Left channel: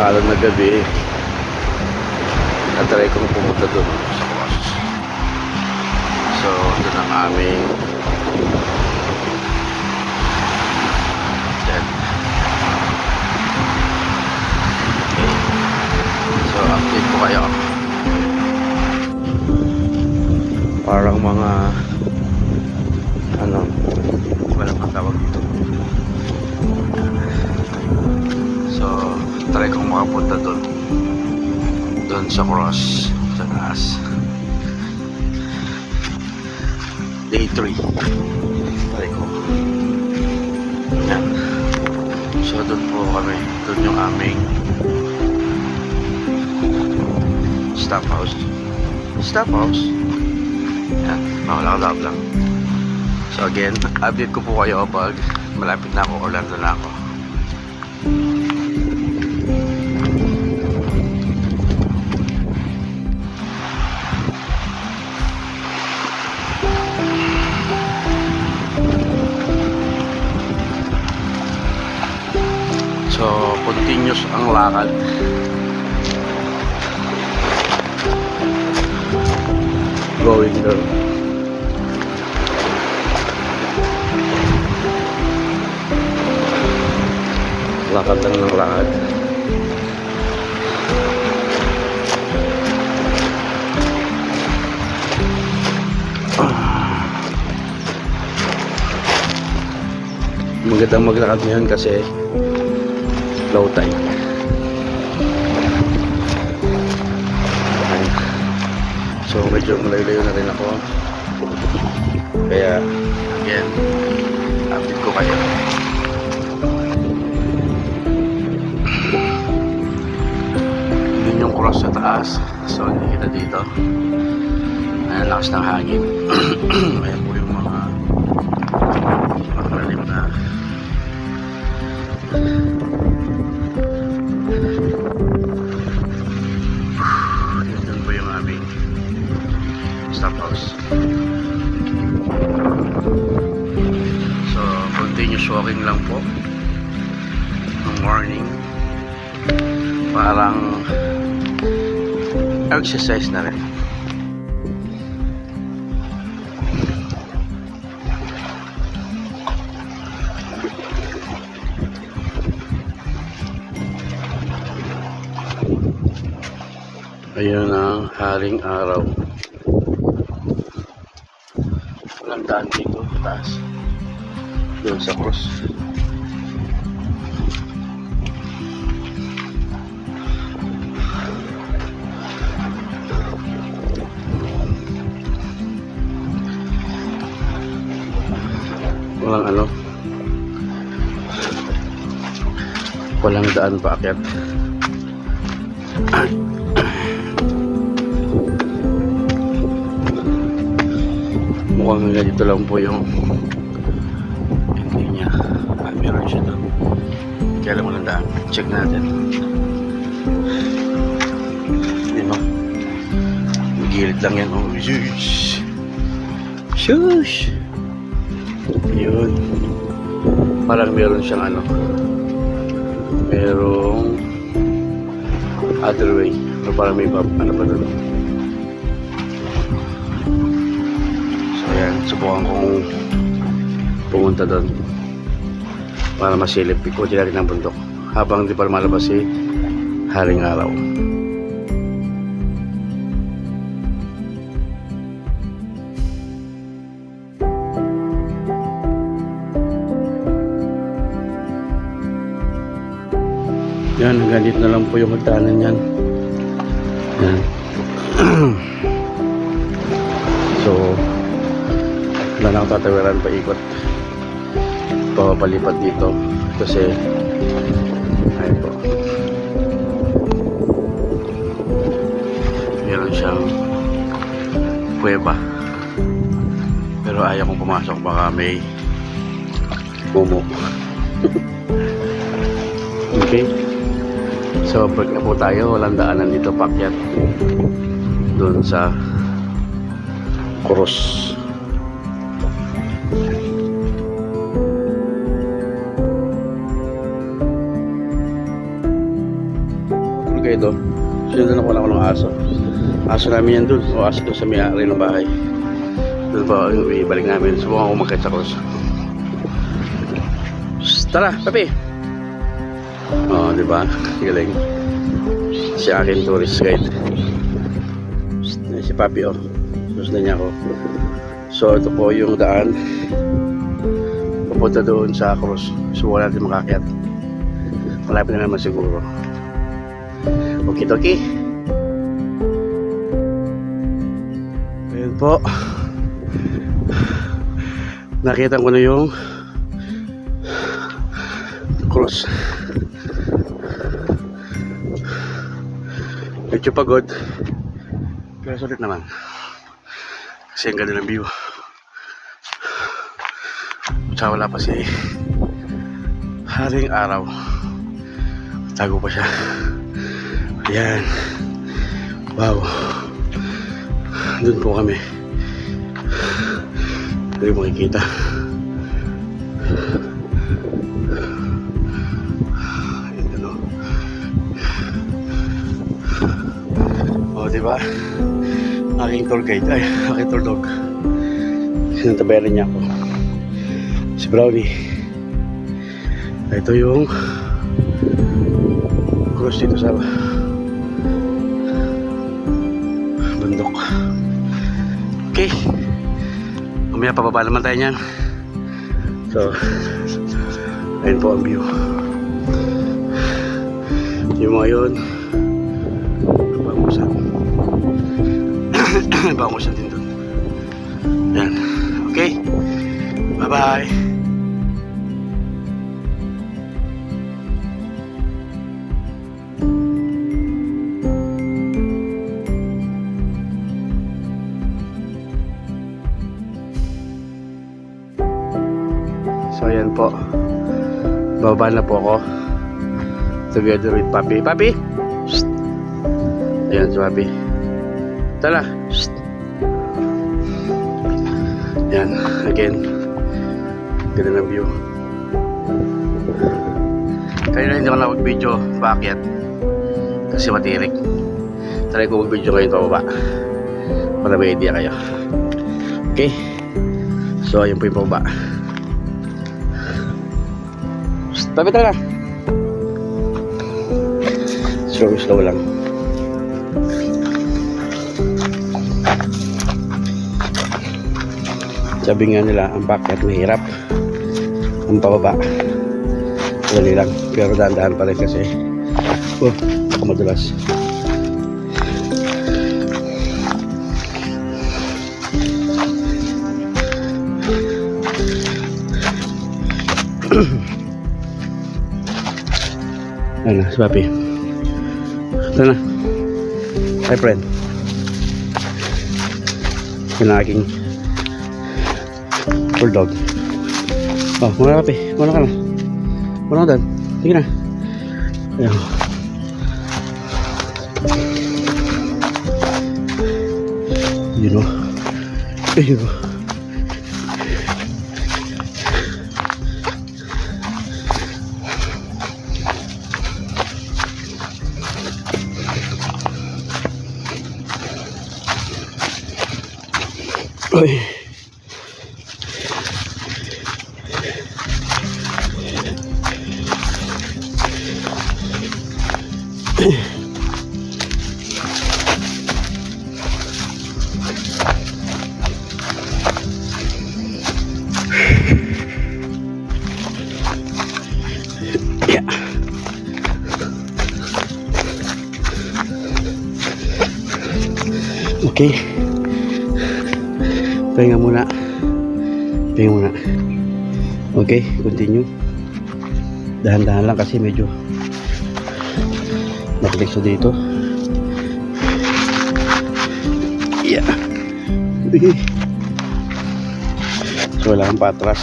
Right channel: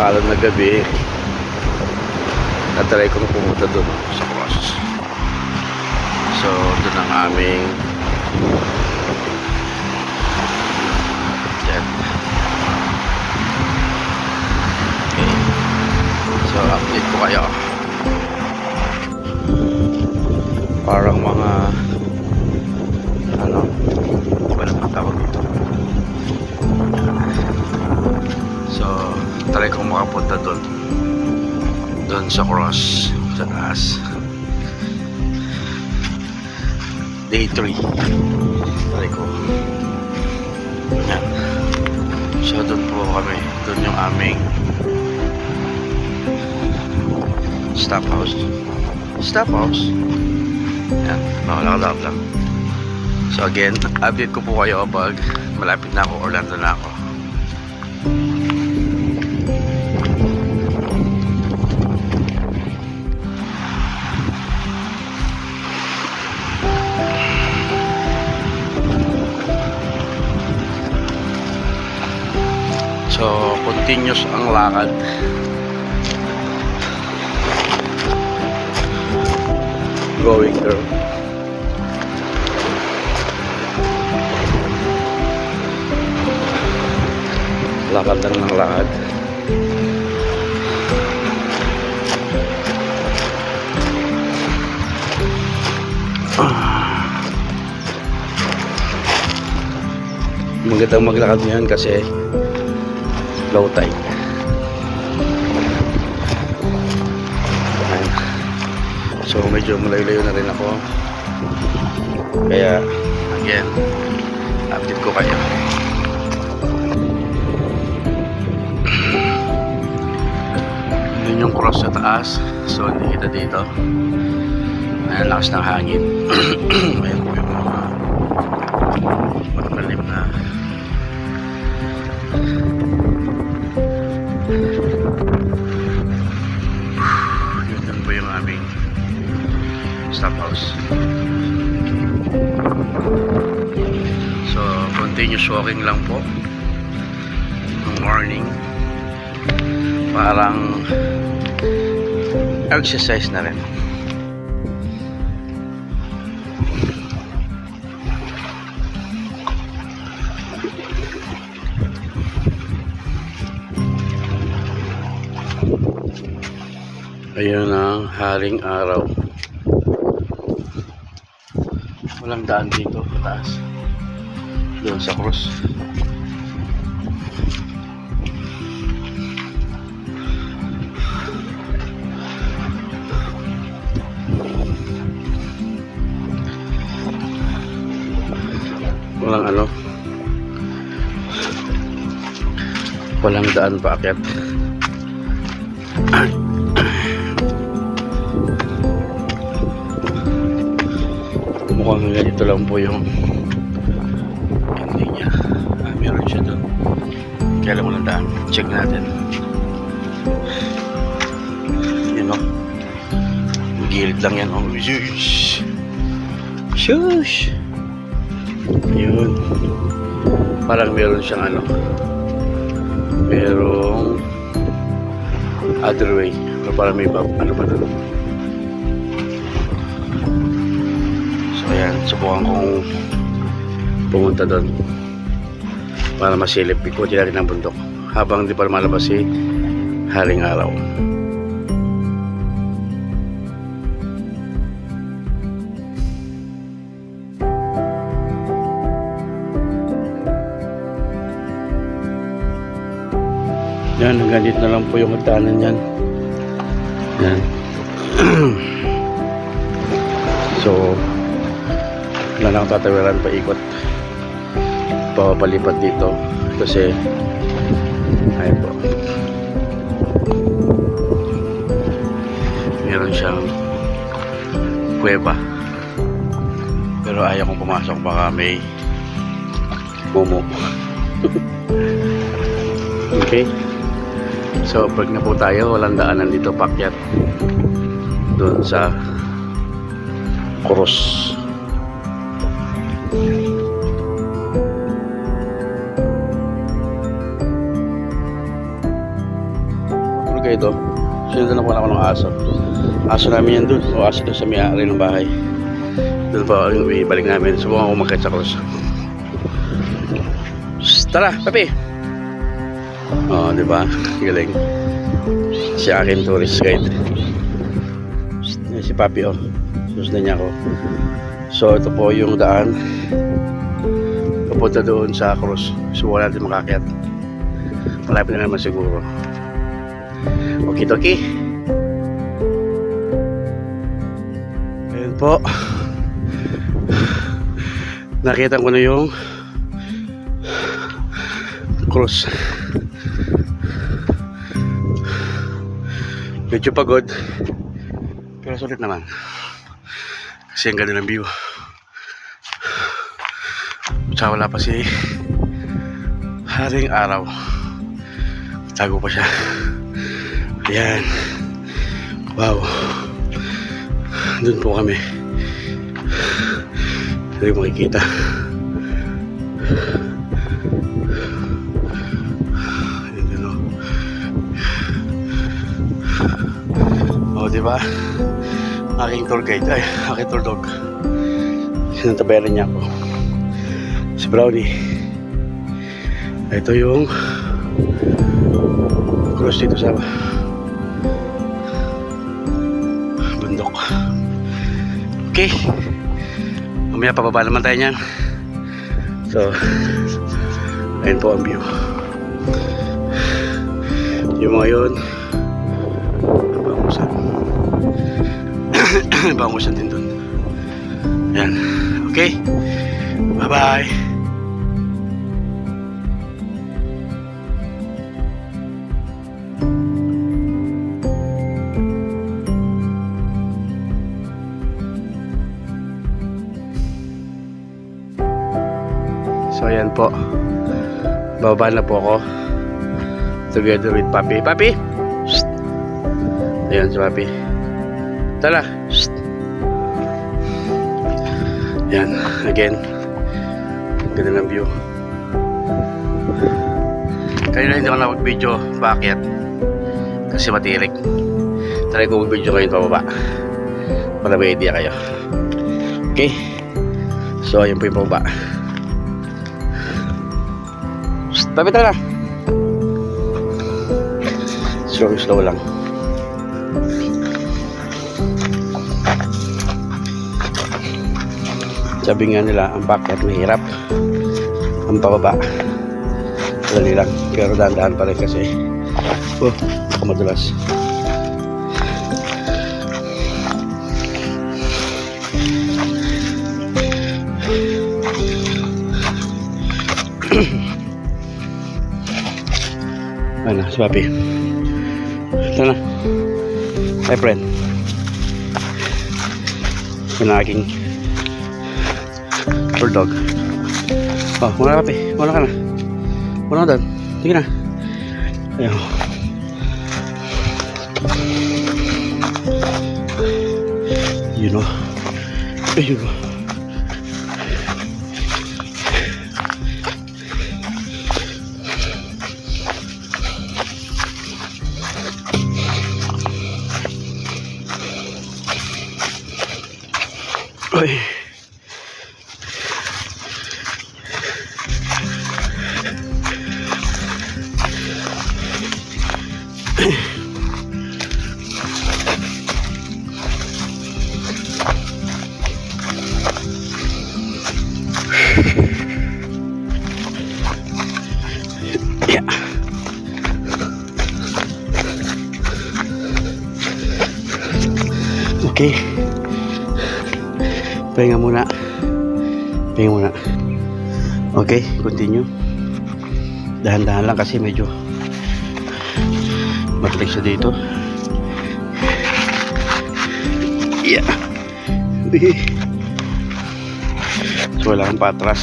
Alam na gabi, natry kong pumunta doon sa cross. So, doon ang aming tent. Okay. So, update ko kayo. Parang mga ano, wala pang tawag dito. So, try kong makapunta doon sa cross sa taas. Day 3 try ko yan. So doon po kami, doon yung aming stop house yan, makalakadap lang. So again, update ko po kayo pag malapit na ako, Orlando na ako. So, continuous ang lakad. Going there. Lakad lang ng lakad. Magandang maglakad ngayon kasi low tide. Ayan. So medyo malayo-layo na rin ako. Kaya again, update ko kayo. Yun yung cross sa taas. So hindi kita dito. Ayan, lakas ng hangin. Ayan po yung mga matalim na stop house. So continuous walking lang po ng morning, parang exercise na rin. Ayun ang haring araw. Walang daan dito taas, doon sa cross. Walang daan paakyat. Mukhang ganito lang po yung ending niya. Meron siya doon. Kaya alam mo lang daan. Check natin. Yun o. Gilid lang yan. Oh, shush. Shush. Ayun. Parang meron siyang ano. Merong other way. Pero parang may ano pa doon. Ayan, subukan kong pumunta doon para masilip, ikutin natin ang bundok habang di pa malabas si haring araw. Yan, hanggang dito na lang po yung hagdanan yan. Yan. So wala na akong tatawiran pa ikot, papalipat dito kasi ayun po, meron siyang kuweba pero ayaw kong pumasok, baka may mumu. Okay, so break na po tayo. Walang daanan dito paakyat doon sa cross. guide oh. Sinundan ako ng aso. Aso namin yan dun. O aso dun sa may-ari ng bahay. Dun pa yung ibalik namin. Subukan ko magkait sa cross. Tara, papi. Oh, di ba? Galing. Si akin tourist guide. Si papi oh. Susundan niya ako. So ito po yung daan papunta doon sa cross. Subukan natin makakyat. Malapit na naman siguro. Okay, okay. Ayun po. Nakita ko na yung cross. Medyo pagod. Pero sulit naman. Kasi ang ganda ng view. Tsaka wala pa si haring araw. Tago pa siya. Ayan. Wow. Doon po kami. Hindi makikita. Ayan o. O, diba? Aking tour guide. Ay, aking tour dog. Sinantabayaran niya ako. Si Brownie. Ito yung cross dito sa bundok. Okay. Mamaya pababa naman tayo niyan. So, ayun po ang view. Yung mga yun, bangusan. Bangusan din dun. Yan. Okay. Bye-bye. So ayan po. Bababa na po ako. Together with Papi. Papi! Shh! Ayan si Papi. Tala! Shh! Ayan. Again. Ganda ng view. Kanina hindi ako nakapag-video. Bakit? Kasi matirik. Try ko mag-video ngayon pababa. Para may idea kayo. Okay? So ayan po yung pababa. Tabi tara. Slow lang. Sabi nga nila, ang packet mahirap. Ang pababa madali lang. Pero dahan-dahan pa rin kasi ako madulas. Ano, si Papi. Ito na. Hi, friend. Yan ang aking bulldog. Oh, muna Papi. Muna ka na. Muna ka doon. Sige na. Ayaw. You know. You know. Oy. Yeah. Okay. Pahinga muna. Okay, continue. Dahan-dahan lang kasi medyo matilig siya dito. Yeah. So wala kang patras.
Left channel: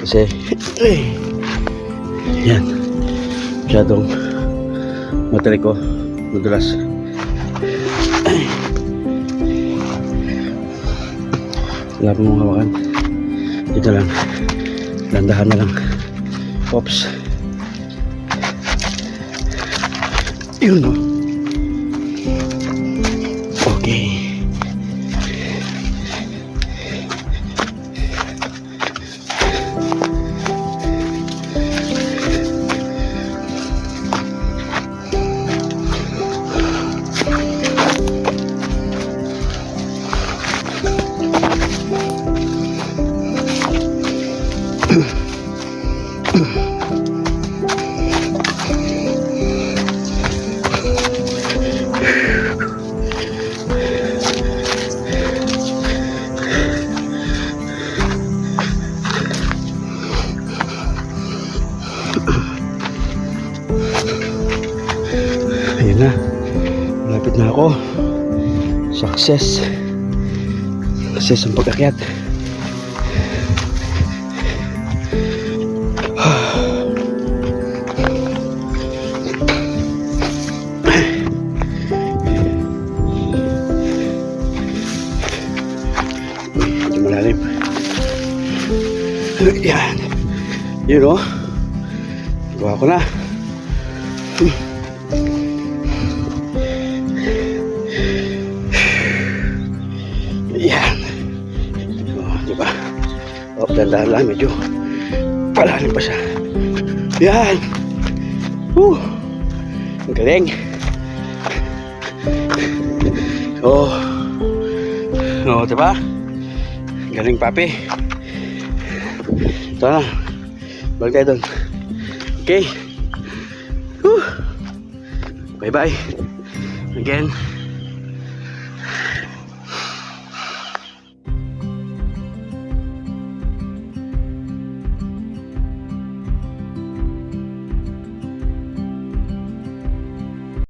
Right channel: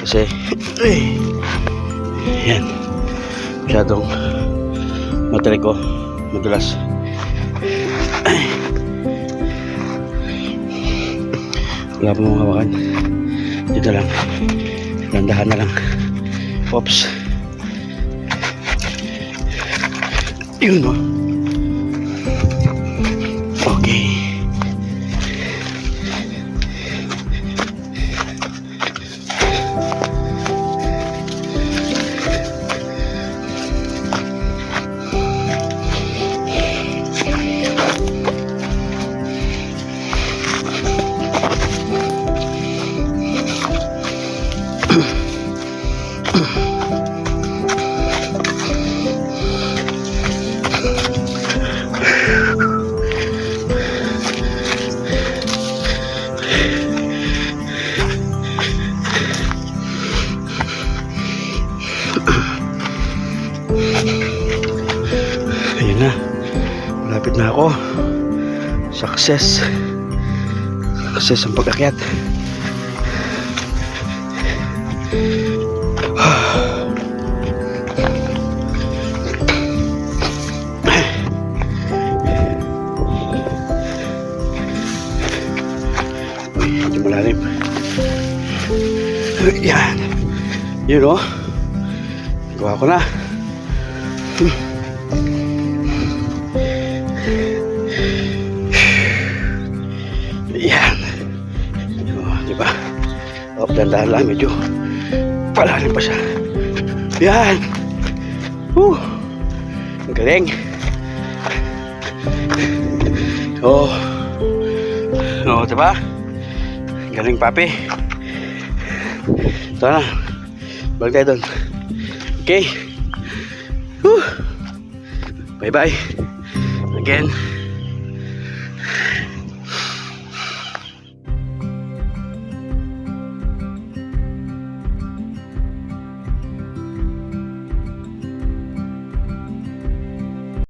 Kasi yan. Masyadong matilig ko. Madulas. Wala pa mong hawakan. Dito lang. Landahan na lang. Oops. Yun, no? Okay. Ayun na, malapit na ako. Success ang pag-akyat. Uy, hindi malalim. Yan. Yun, oh. Gawa ko na. Yan. Oh, di ba? Oh, dandahan lang, medyo palalim pa siya. Yan. Ang galing. Oh. Oh, di ba? Galing, papi. Ito na. Balik tayo doon. Okay. Bye-bye. Again.